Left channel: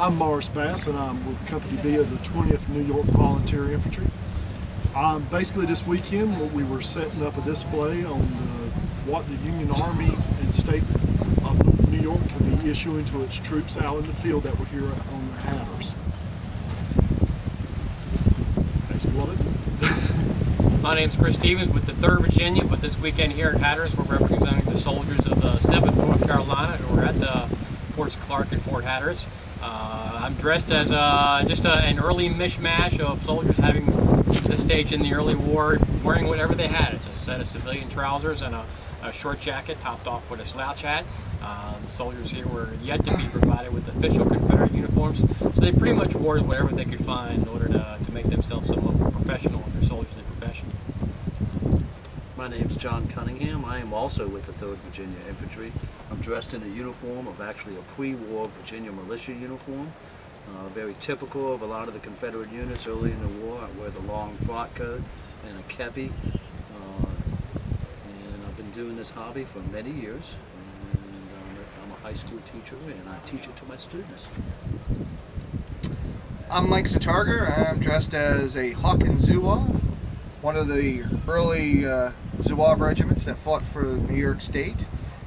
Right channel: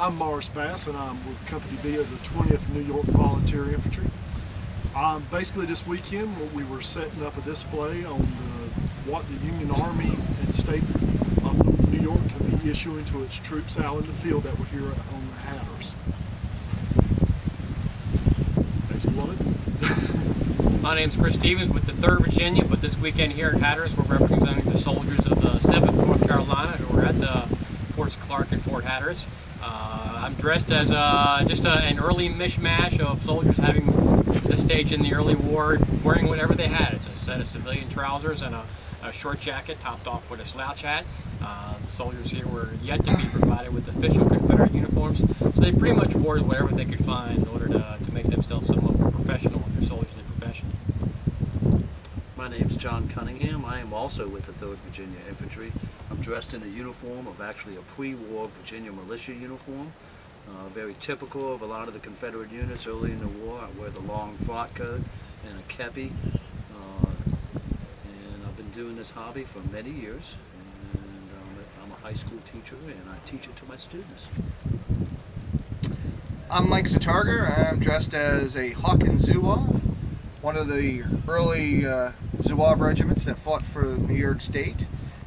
I'm Morris Bass, and I'm with Company B of the 20th New York Volunteer Infantry. Basically, this weekend we were setting up a display on what the Union Army and State of New York could be issuing to its troops out in the field that were here on the Hatteras. That's basically what I do. My name's Chris Stevens with the 3rd Virginia, but this weekend here at Hatteras we're representing the soldiers of the 7th North Carolina who are at the Forts Clark and Fort Hatteras. I'm dressed as just an early mishmash of soldiers having this stage in the early war, wearing whatever they had. It's a set of civilian trousers and a short jacket topped off with a slouch hat. The soldiers here were yet to be provided with official Confederate uniforms, so they pretty much wore whatever they could find in order to make themselves somewhat more professional in their soldierly profession. My name's John Cunningham. I am also with the 3rd Virginia Infantry. I'm dressed in a uniform of actually a pre-war Virginia militia uniform. Very typical of a lot of the Confederate units early in the war. I wear the long frock coat and a kepi. And I've been doing this hobby for many years. And I'm a high school teacher and I teach it to my students. I'm Mike Zatarger. I'm dressed as a Hawkins Zouaves, one of the early Zouave regiments that fought for New York State.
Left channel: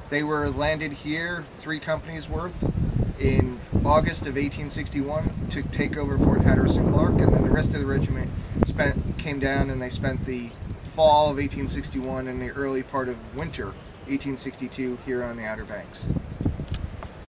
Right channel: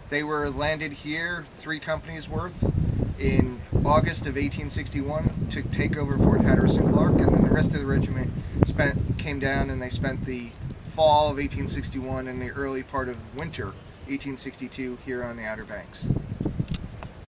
They were landed here, 3 companies worth, in August of 1861 to take over Fort Hatteras and Clark, and then the rest of the regiment came down and they spent the fall of 1861 and the early part of winter 1862 here on the Outer Banks.